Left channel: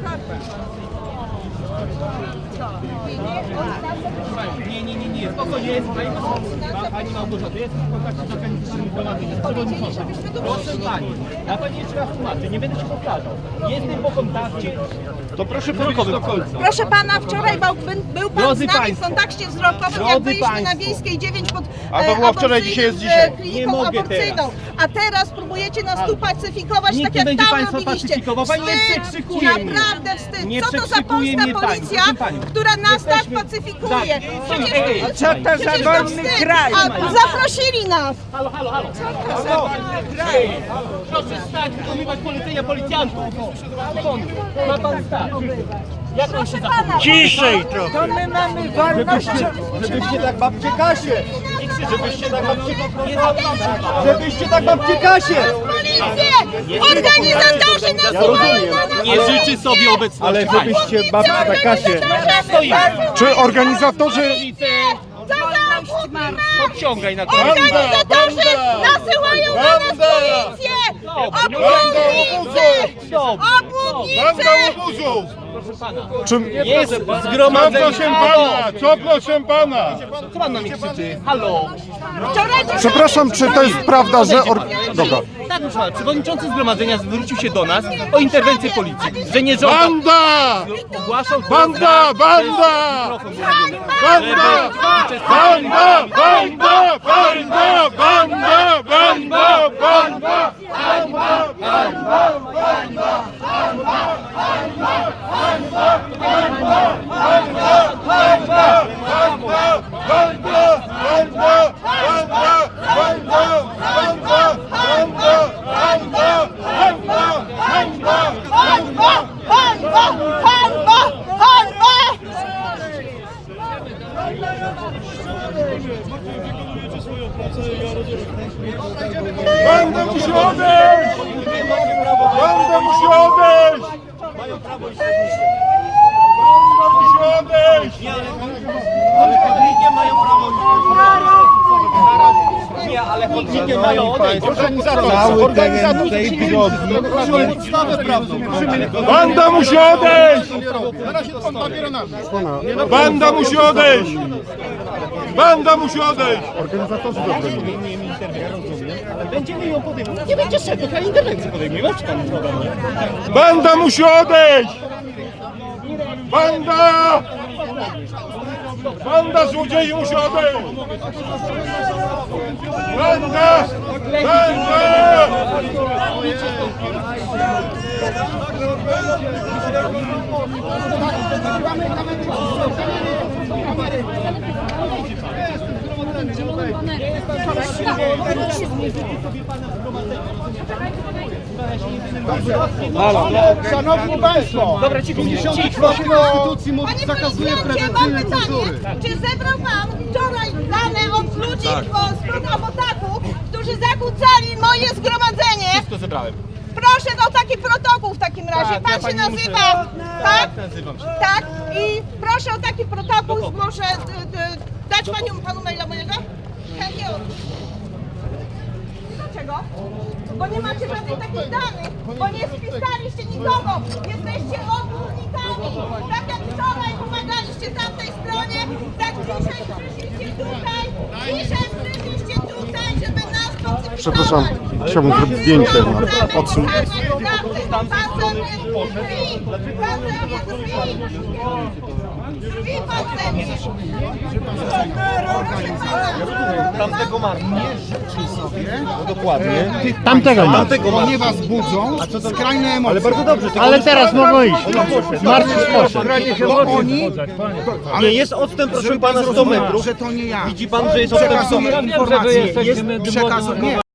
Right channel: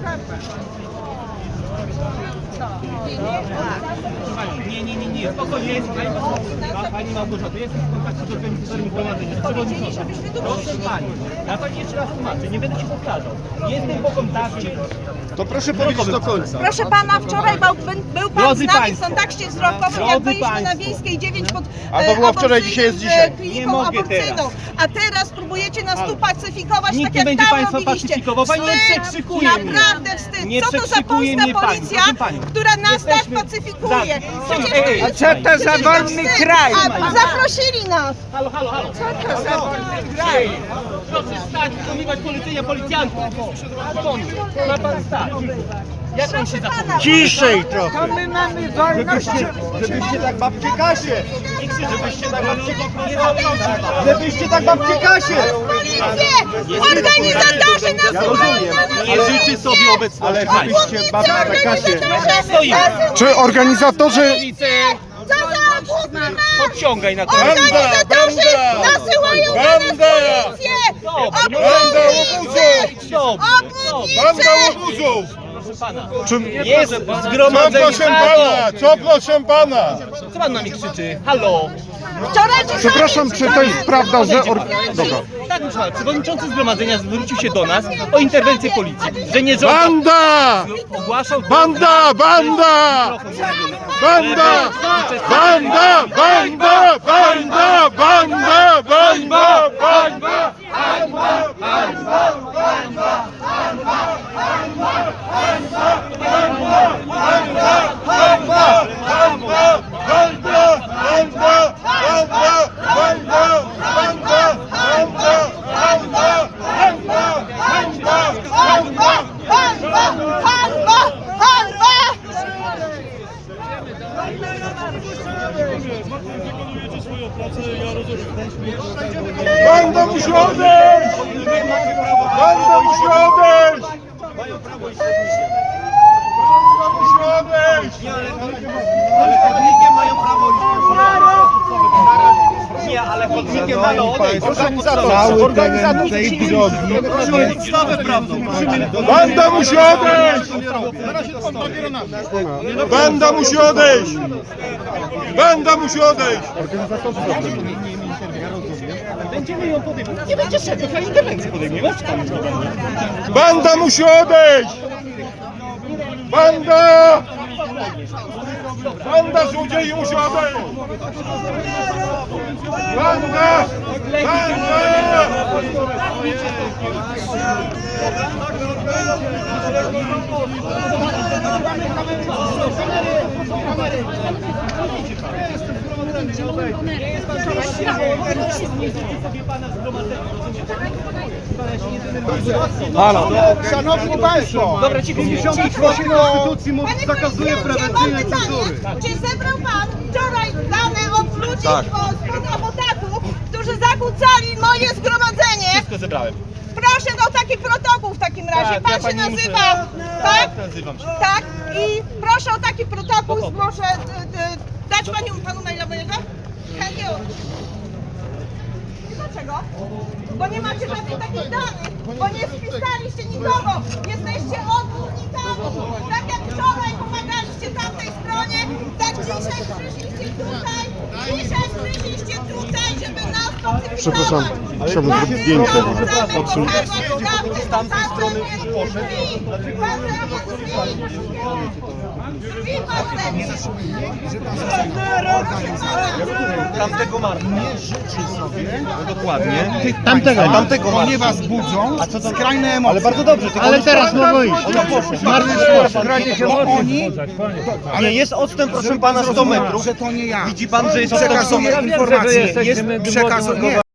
ceapa. Nie, nie, nie, nie, spokojnie, jest pani, Pa- pani Małgorzata, jest w kontakcie z organizatorami zgromadzenia, z przewodniczącym. Proszę pani, ja pani jeszcze raz tłumaczę, nie będę ci powtarzał. Jestem po kontakcie, To proszę powiedzieć do końca. Proszę pana, wczoraj był, był pan Drodzy z nami państwo, w kontakcie wzrokowym, drodzy jak byliśmy na państwo. Wiejskiej 9 pod A to e, było wczoraj, dzisiaj jest aborcyjnym, dzisiaj. e, kliniką Nie mogę aborcyjną. A teraz próbujecie nas tu pacyfikować, Nikt tak nie jak będzie tam państwa robiliście. pacyfikował. Pani nie Wstyd, przekrzykuje mnie. Naprawdę wstyd. Nie Co to za przekrzykuje pani, policja, która nas tak pacyfikuje? Tak. Przecież Ej, to ej, jest- co to za wolny kraj? Zaprosili nas. Halo, halo, halo. Ej, proszę stać, wykonywać polecenia policjantów. Ma pan stać. Jak on się zachowuje? Ciszej trochę. To my mamy wolność. Żebyście, żebyście tak babcie Kasię. Żebyście tak babcie, Nie żebyście tak babcie Kasię. Policję! Organizatorzy na nas! Nie życzy sobie obecności. Ale żebyście babcie Kasię. Czy organizatorzy... Co za obłudne Podciągaj na to. Organizatorzy nasyłają na nas Banda! policję! No Banda Proszę pana. Czym... Jest Co zgromadzenie. proszę Halo! pana? Co proszę pana? Co pan na mnie krzyczy? Halo! Wczoraj Przepraszam, czy to jest prawda, że... Or... Dobra. Tak, proszę pana, przewodniczący zgromadzenia zwrócił się do nas o interwencję policji, że nie żąda... Banda! Ogłaszał to Banda! na- Banda! mikrofon mówiony. Banda! Banda! Banda! Banda! Banda! Anbar! Anbar! Anbar! Anbar! Anbar! Anbar! Martin, wykonujecie swoją pracę, ja rozumiem. Musi odejść! Będą musi odejść! Mają prawo i musi odejść! Ale chodnikiem mają prawo i Nie, ale chodnikiem mają odejść. Organizator, organizator tej drogi. Podstawę prawną. Banda musi odejść! Na razie pan papier na mnie. Banda musi odejść! Banda musi odejść! Będziemy ją podejmować. Nie będzie szedł, to interwencję podejmujemy. Co pan Banda musi odejść! Banda! Banda złodziei musi odejść! Banda! Banda! Szanowni Państwo, Dobra, cicho, 58 Konstytucji mu Panie zakazuje prezydencie, mam prewencyjnej cenzury. pytanie. Czy zebrał pan wczoraj dane od ludzi Tak. z Abotaku, którzy zakłócali moje zgromadzenie? Wszystko zebrałem. Proszę o taki protokół w takim razie. Tak, Pan ja się pani nazywa, muszę- tak? nazywam się. Tak. I proszę o taki protokół. Proszę y, y, dać panią, panu maila mojego? Chętnie. Dlaczego? Bo nie macie żadnych takich danych, bo nie wpisaliście nikogo. Jesteście odwodnikami. Tak jak wczoraj pomagaliście tamtej stronie, tak dzisiaj przyszliście tutaj. Dzisiaj przyszliście tutaj, żeby nas pacyfikować. Przepraszam, chciałbym zrobić zdjęcie na odsun- Tamtego marca. Nie życzy sobie. Dokładnie. Tamtego, Tamtego marca. ponieważ budzą skrajne emocje. Ale bardzo dobrze, Ale teraz mogą iść. Bo oni, Ale jest odstęp, proszę pana, 100 metrów. że to nie ja. Widzi pan, że jest odstęp 100 Przekazuję metrów? informacje. Jest przekazu... Nie.